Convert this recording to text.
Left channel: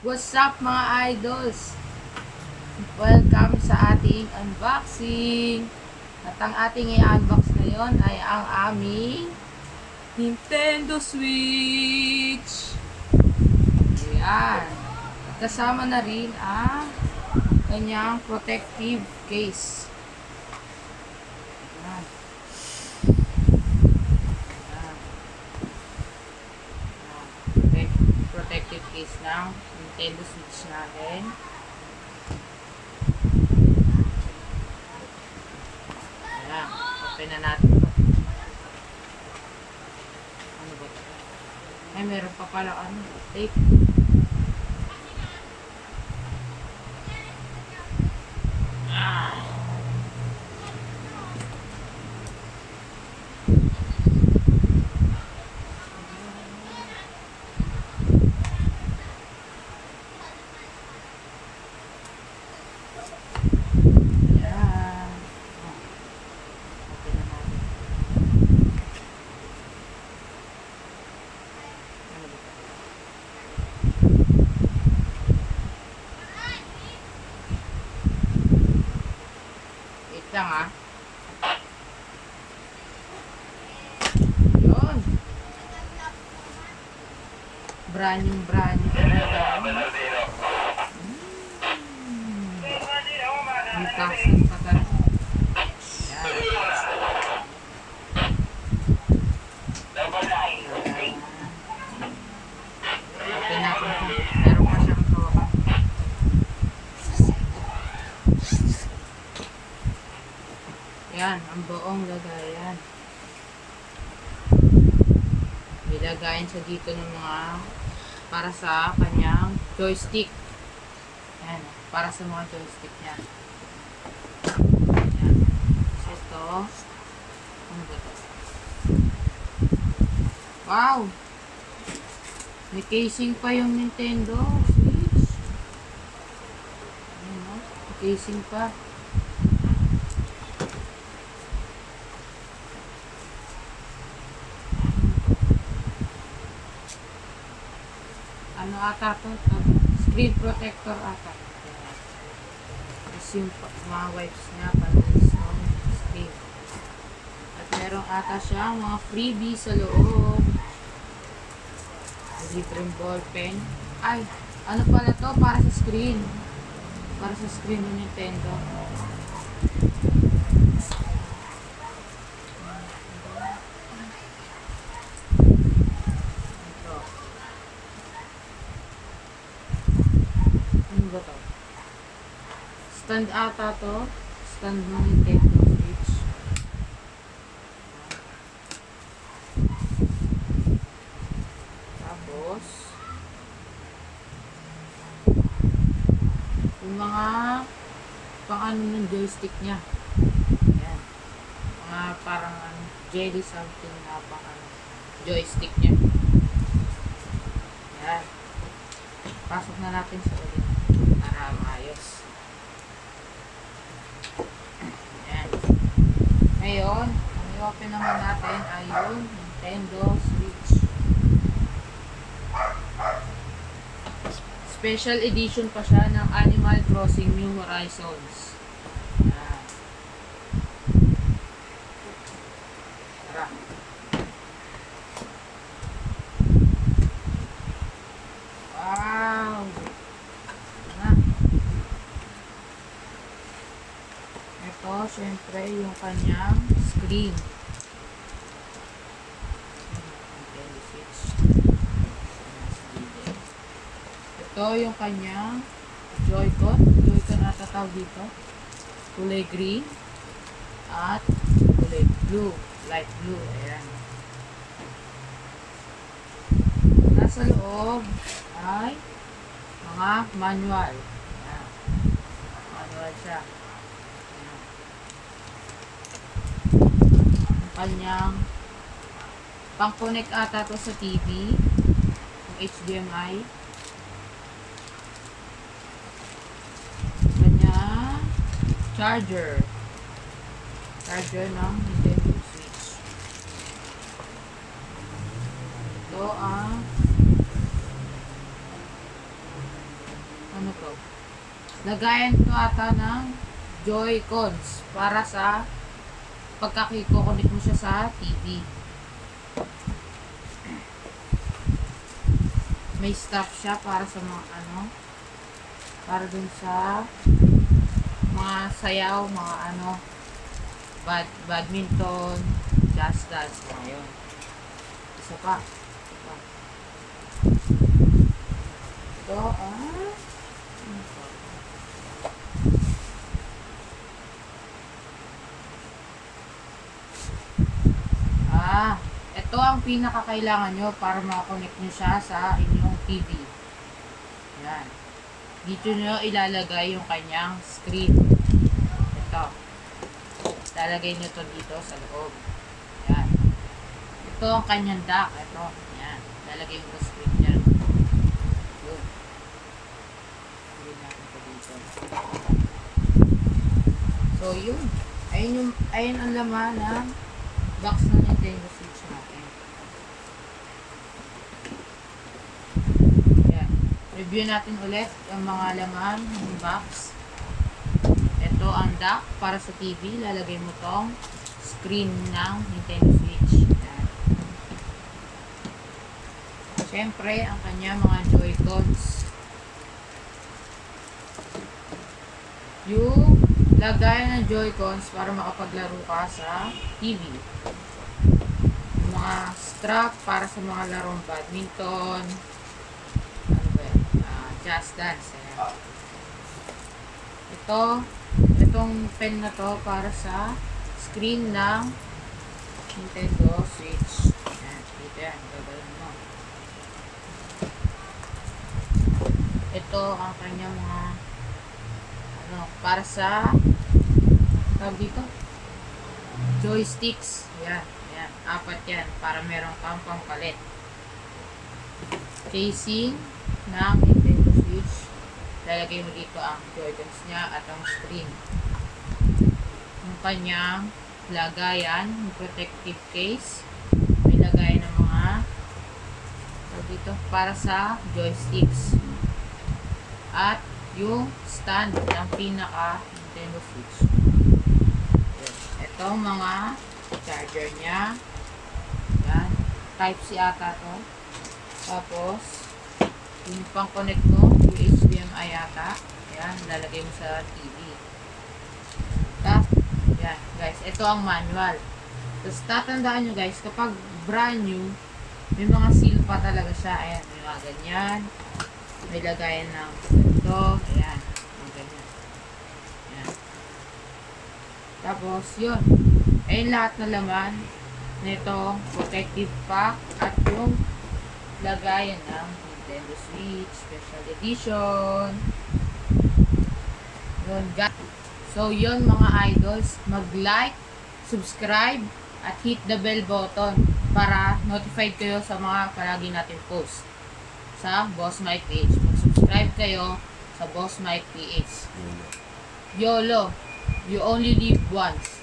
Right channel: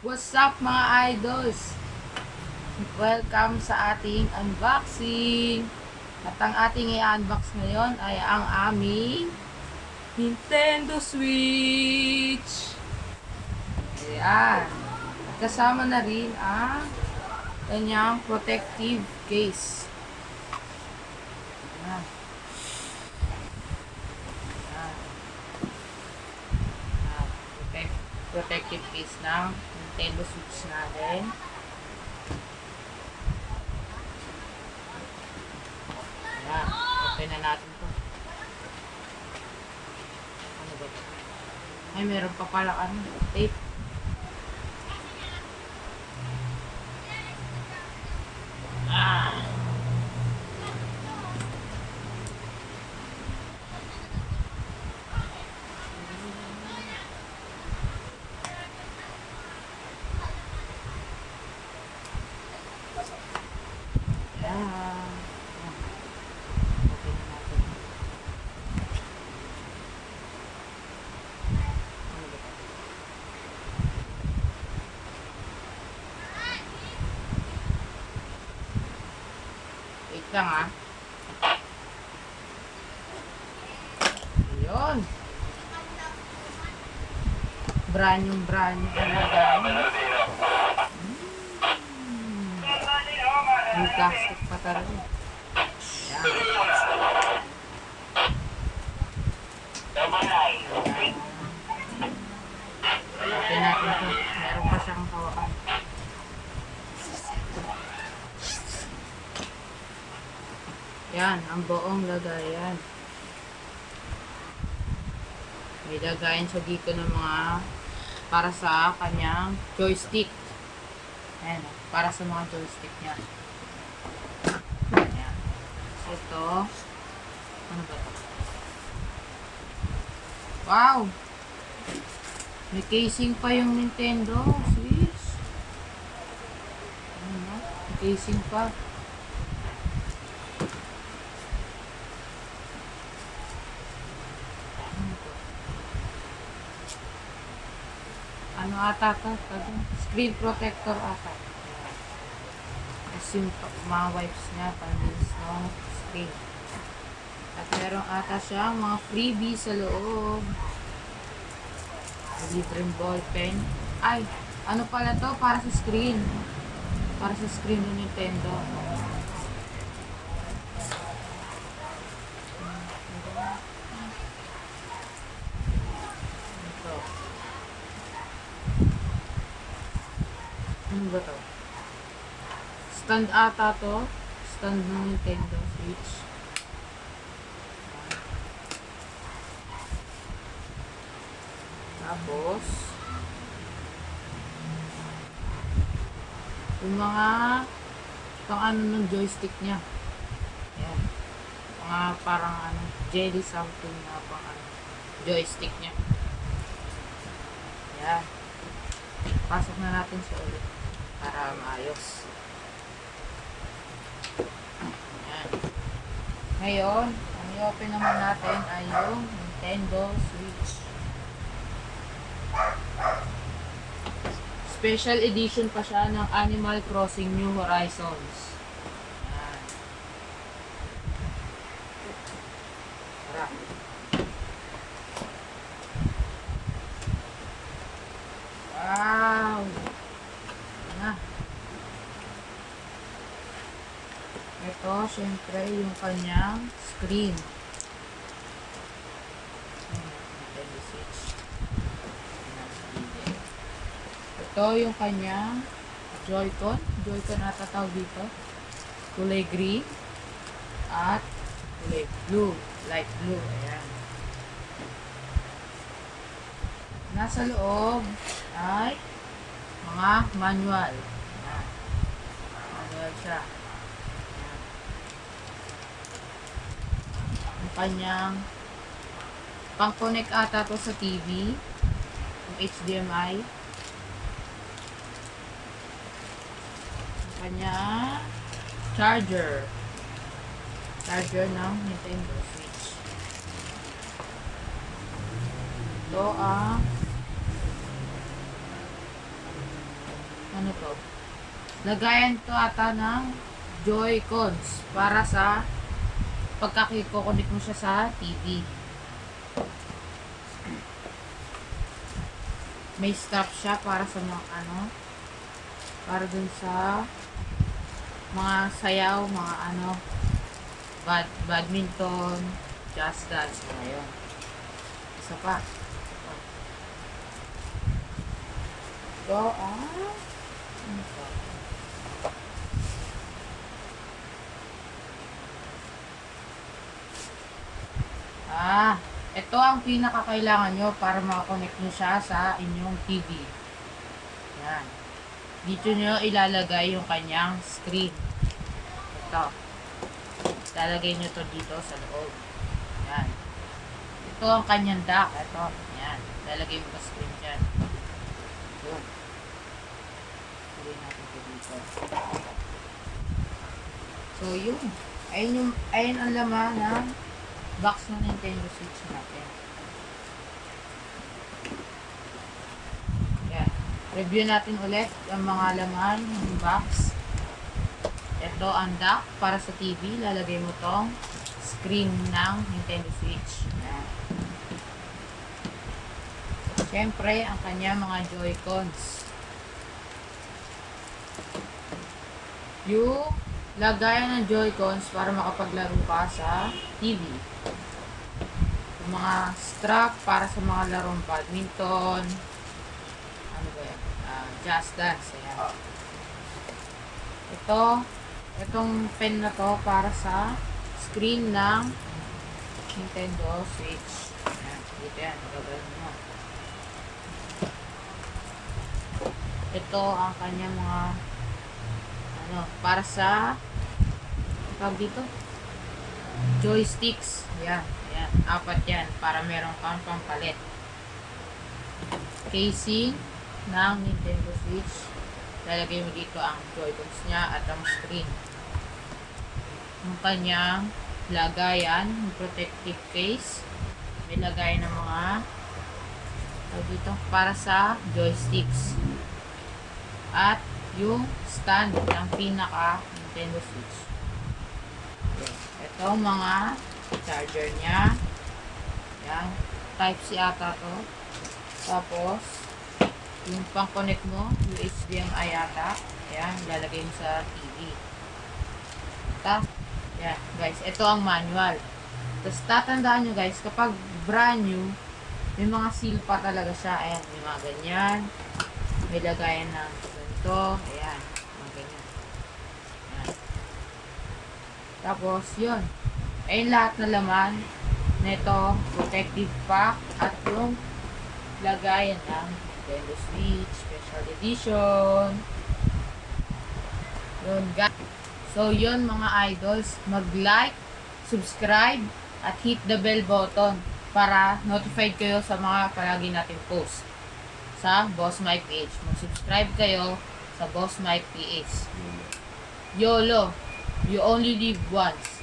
What's up mga idols? Welcome sa ating unboxing. At ang ating i-unbox ngayon ay ang aming Nintendo Switch. Ayan. At kasama na rin ang kanyang protective case. Ayan. Ayan. Protective case ng Nintendo Switch natin. Ayan. Open na natin ito. Ano ba ito? Ay, meron pa pala tape. Ah! Ayan. Open na natin. Ano ba ito? Wait lang ah. Yun. Brand new talaga. Unboxing pa talaga. Ayan. Open natin pa. Meron pa siyang hawakan. Yan, ang buong lagayan. May lagayan siya dito ng mga para sa kanyang joystick. Ayan, para sa mga joystick niya. Ayan. So, ito. Ano ba ito? Wow! May casing pa yung Nintendo Switch. Ayan, no? May casing pa. Ano ata to? Screen protector ata. Tapos yung mga wipes nga palinis ng screen. At meron ata siyang mga freebie sa loob. Libreng ball pen. Ay, ano pala to? Para sa screen. Para sa screen ng Nintendo. Ito. Ano ba to? Stand ata to. Stand ng Nintendo Switch. Tapos, yung mga pang ano ng joystick niya. Ayan. Mga parang jelly something na pang joystick niya. Ayan. Pasok na natin sa ulit para maayos. Ayan. Ngayon, ang i-open naman natin ay yung Nintendo Switch. Special edition pa siya ng Animal Crossing New Horizons. Ayan. Tara. Wow! Ayan. Ito, syempre, yung kanyang screen. Ito yung kanyang Joy-Con. Joy-Con na tatawag dito. Kulay green at kulay blue. Light blue. Ayan. Nasa loob ay mga manual. Ayan. Manual siya. Ayan. Yung kanyang pang-connect ata to sa TV. Yung HDMI. Charger ng Nintendo Switch. Ito ang ano to? Lagayan to ata ng Joy-Cons para sa pagkakikokonik mo siya sa TV. May strap siya para sa mga ano, para dun sa mga sayaw, mga ano, badminton, just dance, mga yun. Isa pa. Ito, ano to? Ito ang pinakakailangan nyo para makakonect nyo siya sa inyong TV. Yan. Dito nyo ilalagay yung kanyang screen. Ito. Ilalagay nyo to dito sa loob. Yan. Ito ang kanyang dock. Ito. Yan. Ilalagay nyo sa screen yan. Yun. Ilalagay natin ito dito. So, yun. Ayun ang laman ng box ng Nintendo Switch natin. Yan. Review natin ulit ang mga laman ng box. Ito ang dock para sa TV. Lalagay mo tong screen ng Nintendo Switch. Yan. Siyempre, ang kanya mga Joy-Cons. Yung lagayan ng Joy-Cons para makapaglaro ka sa TV. Yung mga strap para sa mga larong badminton. Ano ba yan? Just dance. Ayan. Itong pen na to para sa screen ng Nintendo Switch. Ayan. Dito yan. Gagawin mo. Ito ang kanya mga para sa tawag dito joysticks. Yan, yan, 4 yan para meron kang pampalit. Casing ng Nintendo Switch, lalagay mo dito ang Joy-Cons niya at ang screen. Yung kanyang lagayan, yung protective case, may lagayan ng mga tawag dito para sa joysticks. At yung stand ng pinaka Nintendo Switch. Ito mga charger niya. Yan. Type C ata to. Tapos yung pang connect mo, HDMI ata. Yan, lalagay mo sa TV. Yan guys, ito ang manual. Tapos tatandaan nyo guys, kapag brand new, may mga seal pa talaga siya. Ayan, may mga ganyan. May lagayan ng ito, ayan, mga ganyan. Ayan. Tapos, yun. Ayun lahat na laman nito, protective pack, at yung lagayan ng Nintendo Switch, Special Edition. Yun, guys. So, yun mga idols, mag-like, subscribe, at hit the bell button para notified kayo sa mga palagi nating post sa Boss Mike PH. Mag-subscribe kayo sa Boss Mike PH. YOLO. You only live once.